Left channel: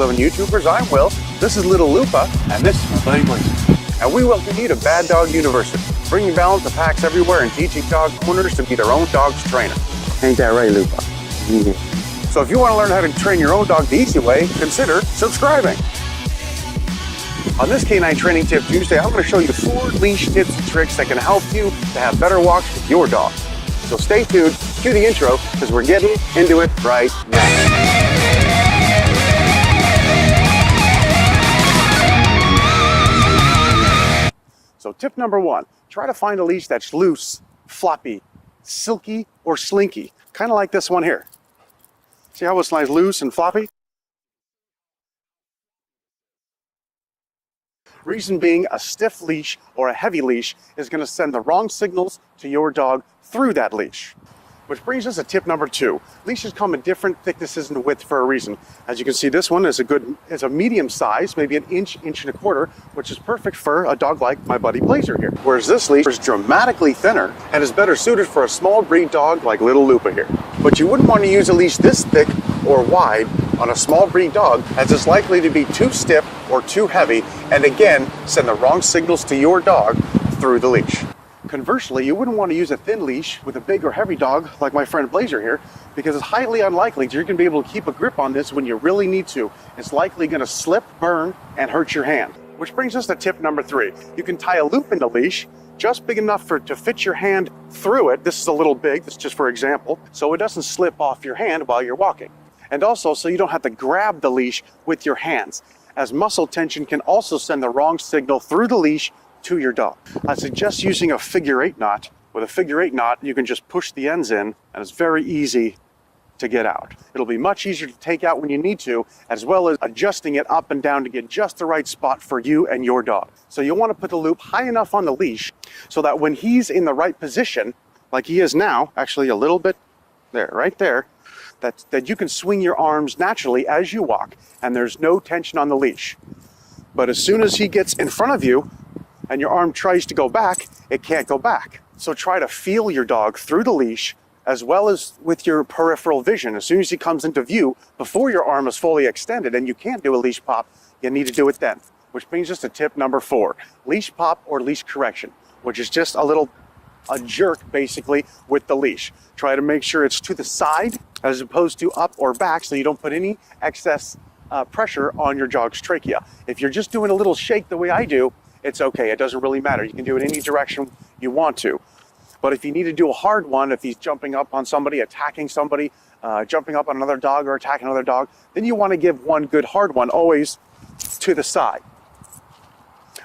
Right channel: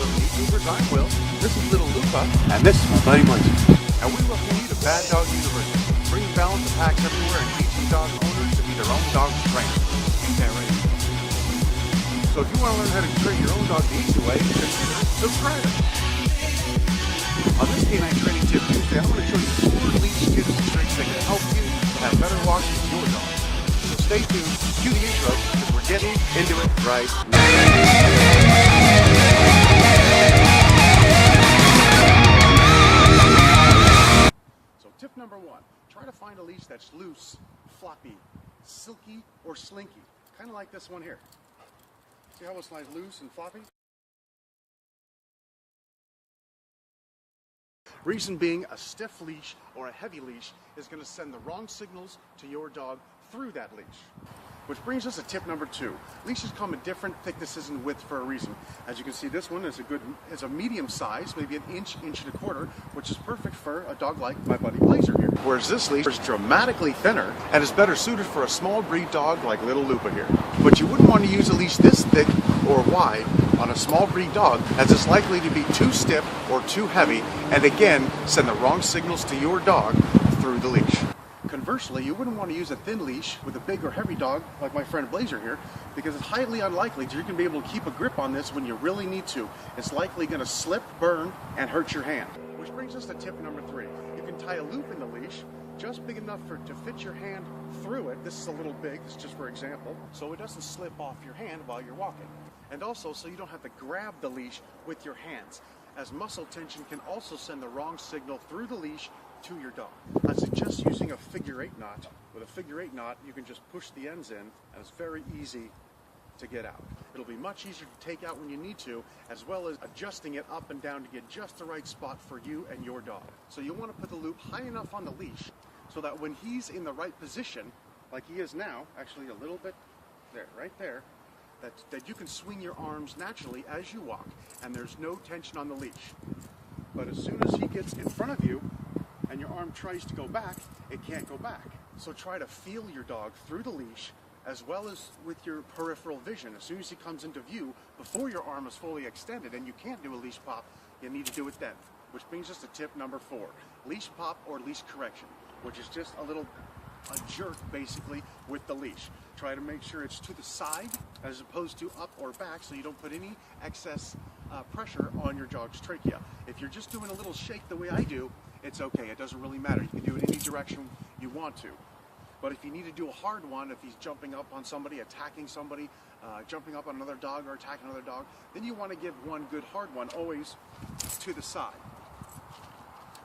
living YouTubers. I'm Will. This is Little Lupa, and this is my buddy Blazer. And we welcome you to Bad Dog University, bringing balance to packs everywhere and teaching dog owners to be their own dog's trainer. Ain't that right, Lupa? Mm-hmm. So if you want to learn how to train your own dog the easy way, consider subscribing. On this Canine Training Tip Tuesday, I'm going to show you 4 leash tips and tricks that can help you to have better walks with your dog. So stay tuned to the intro because we're getting into it right now. So tip number 1, try to find a leash that's loose, floppy, silky, or slinky. Kind of like this one here. See how it's nice, loose and floppy? Reason being, a stiff leash or a heavy leash is going to send the wrong signals to your dog through that leash. Which brings us to tip number 2. Leashes come in different thicknesses and width for a reason. As you can see, this one is a medium size, maybe an inch and a quarter, which is perfect for a dog like my buddy Blazer here. Whereas this leash is dramatically thinner and is better suited for a small breed dog like Little Lupa here. But you wouldn't want to use a leash this thick or wide on a small breed dog, as it's likely to be too stiff or too heavy, and again, send the wrong signals to your dog through the leash. Conversely, you wouldn't want to use a thin leash with a big or heavy dog like my friend Blazer here, because it's highly unlikely you're going to be able to keep a grip on this when you really need to. It's likely going to slip, burn, and hurt your hand. Which brings us to tip number 3. You can tie a loop in the leash just big enough to fit your hand through it. This is a little big, this is just for example, so it doesn't slip off your hand while you're walking. And also so you don't have to grab the leash with your hands, as muscle tension can also send the wrong signal through the leash to your dog. I suggest using a figure 8 knot. With a figure 8 knot, you can just push the ends in, and it's very easy to get out. It'll be much easier to take out when you need to, as well as adjusting it up and down to get just the right spot for you and your dog. So you'll want to put the loop high enough on the leash so that when he's in the right position, like he is now, actually a little bit there, right there, that you can swing your arms naturally as you walk, and there's no tension on the leash. But as soon as he gets in front of you, and your arm tries to go back, it can't go back. So try to feel your dog through the leash as well as with your peripheral vision. As soon as he comes into view, before your arm is fully extended and you can't do a leash pop, you need to do it then. Which brings us to tip number 4, leash pop or leash correction, which is just a jerk basically with the leash. Try to make sure it's to the side as opposed to up or back so you don't put any excess pressure on your dog's trachea. If you're just doing a little shake the way I do, it's okay, it doesn't really matter. You can do it any direction you want to. But if you need to do a hard one, if he's jumping up on somebody, attacking somebody, jumping up on another dog or attacking another dog, then you want to give one good hard one always to the side.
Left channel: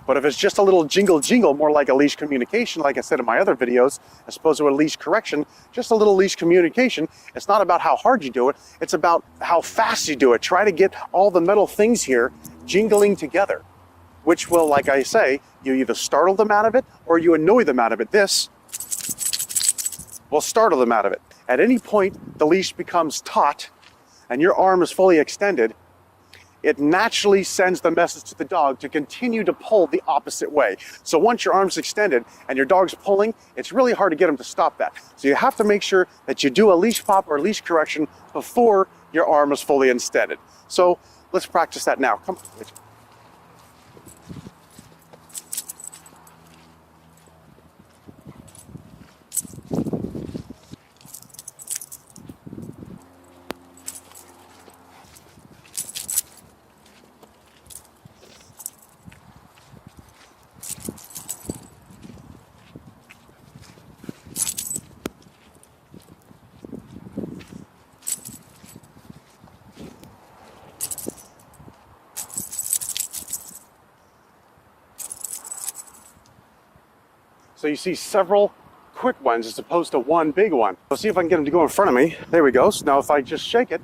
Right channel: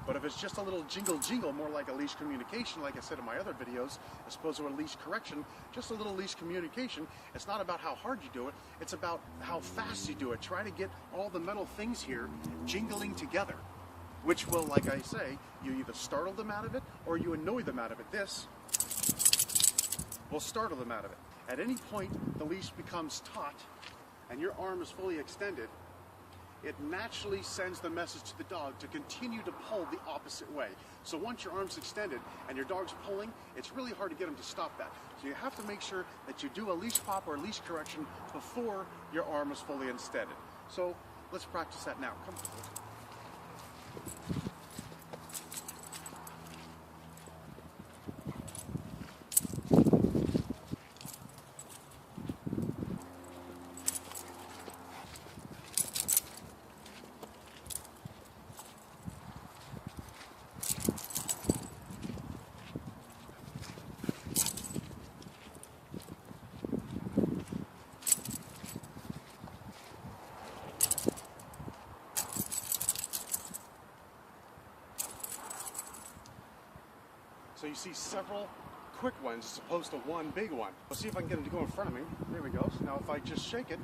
But if it's just a little jingle, more like a leash communication, like I said in my other videos, as opposed to a leash correction, just a little leash communication, it's not about how hard you do it, it's about how fast you do it. Try to get all the metal things here jingling together, which will, like I say, you either startle them out of it or you annoy them out of it. This will startle them out of it. At any point the leash becomes taut and your arm is fully extended, it naturally sends the message to the dog to continue to pull the opposite way. So once your arm's extended and your dog's pulling, it's really hard to get him to stop that. So you have to make sure that you do a leash pop or a leash correction before your arm is fully extended. So let's practice that now. Come. So you see several quick ones as opposed to one big one. Let's see if I can get him to go in front of me. There we go. So now if I just shake it,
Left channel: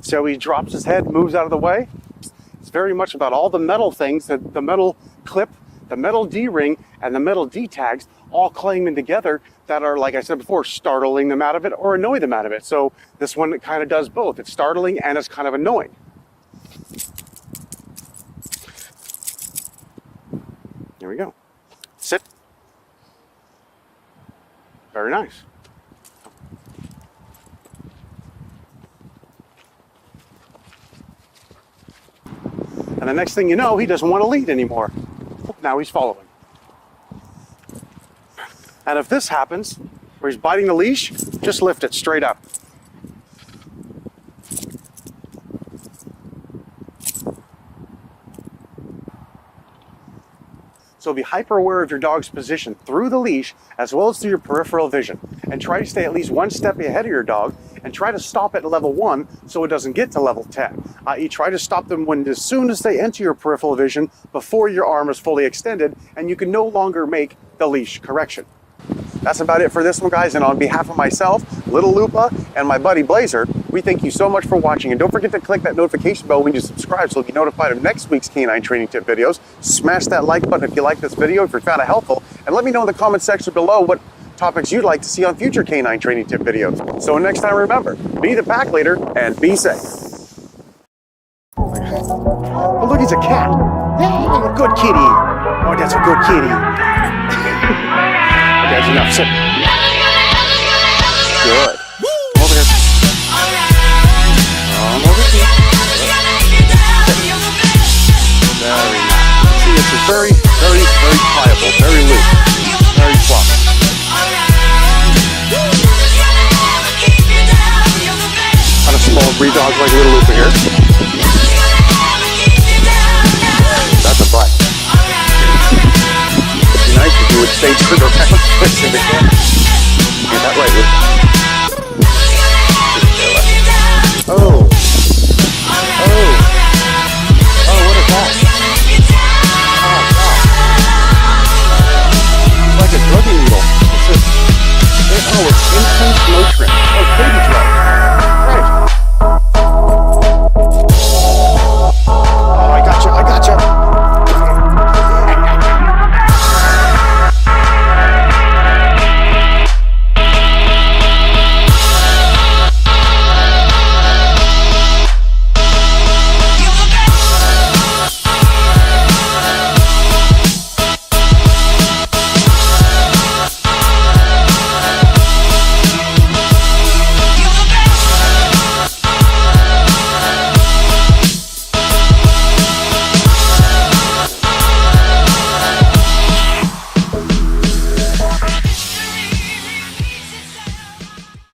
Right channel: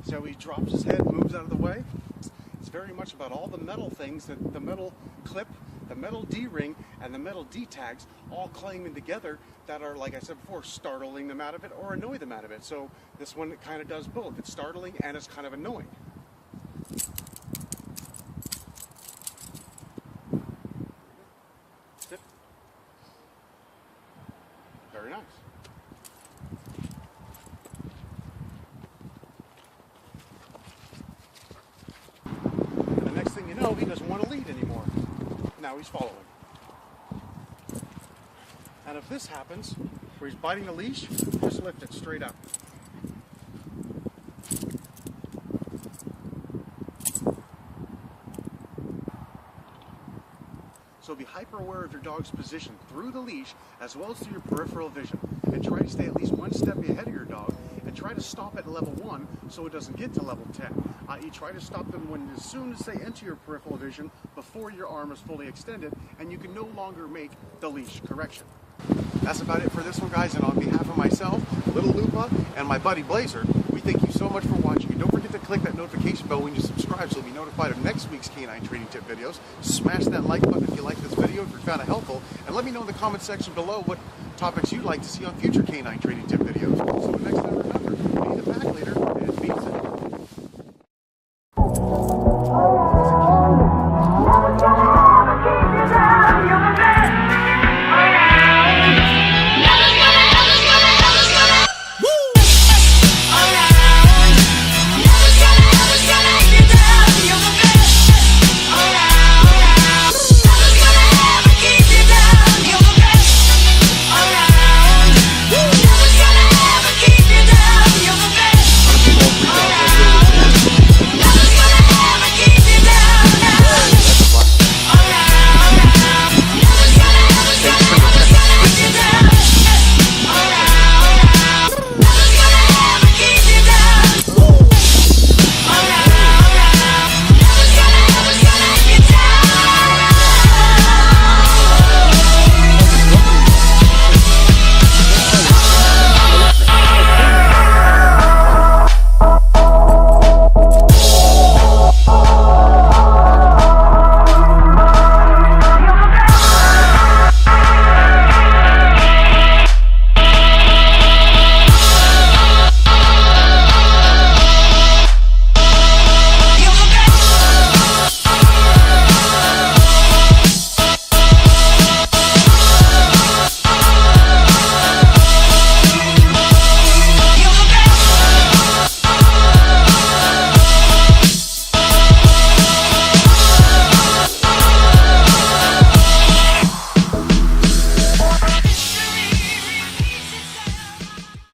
see how he drops his head, moves out of the way? It's very much about all the metal things, the metal clip, the metal D-ring, and the metal D-tags all claiming together that are, like I said before, startling them out of it or annoy them out of it. So this one kind of does both. It's startling and it's kind of annoying. Here we go. Sit. Very nice. the next thing you know, he doesn't want to lead anymore. Now he's following. And if this happens, where he's biting the leash, just lift it straight up. So be hyper aware of your dog's position through the leash as well as through your peripheral vision. And try to stay at least one step ahead of your dog and try to stop at level 1 so it doesn't get to level 10. I.e. try to stop them as soon as they enter your peripheral vision before your arm is fully extended and you can no longer make the leash correction. That's about it for this one, guys, and on behalf of myself, Little Lupa, and my buddy Blazer, we thank you so much for watching, and don't forget to click that notification bell when you subscribe so you'll be notified of next week's canine training tip videos. Smash that like button if you like this video, if you found it helpful, and let me know in the comment section below what topics you'd like to see on future canine training tip videos. So next time, remember, be the pack leader and be safe. Oh, look, it's a cat. Good kitty. Oh, that's a good kitty. That's enough.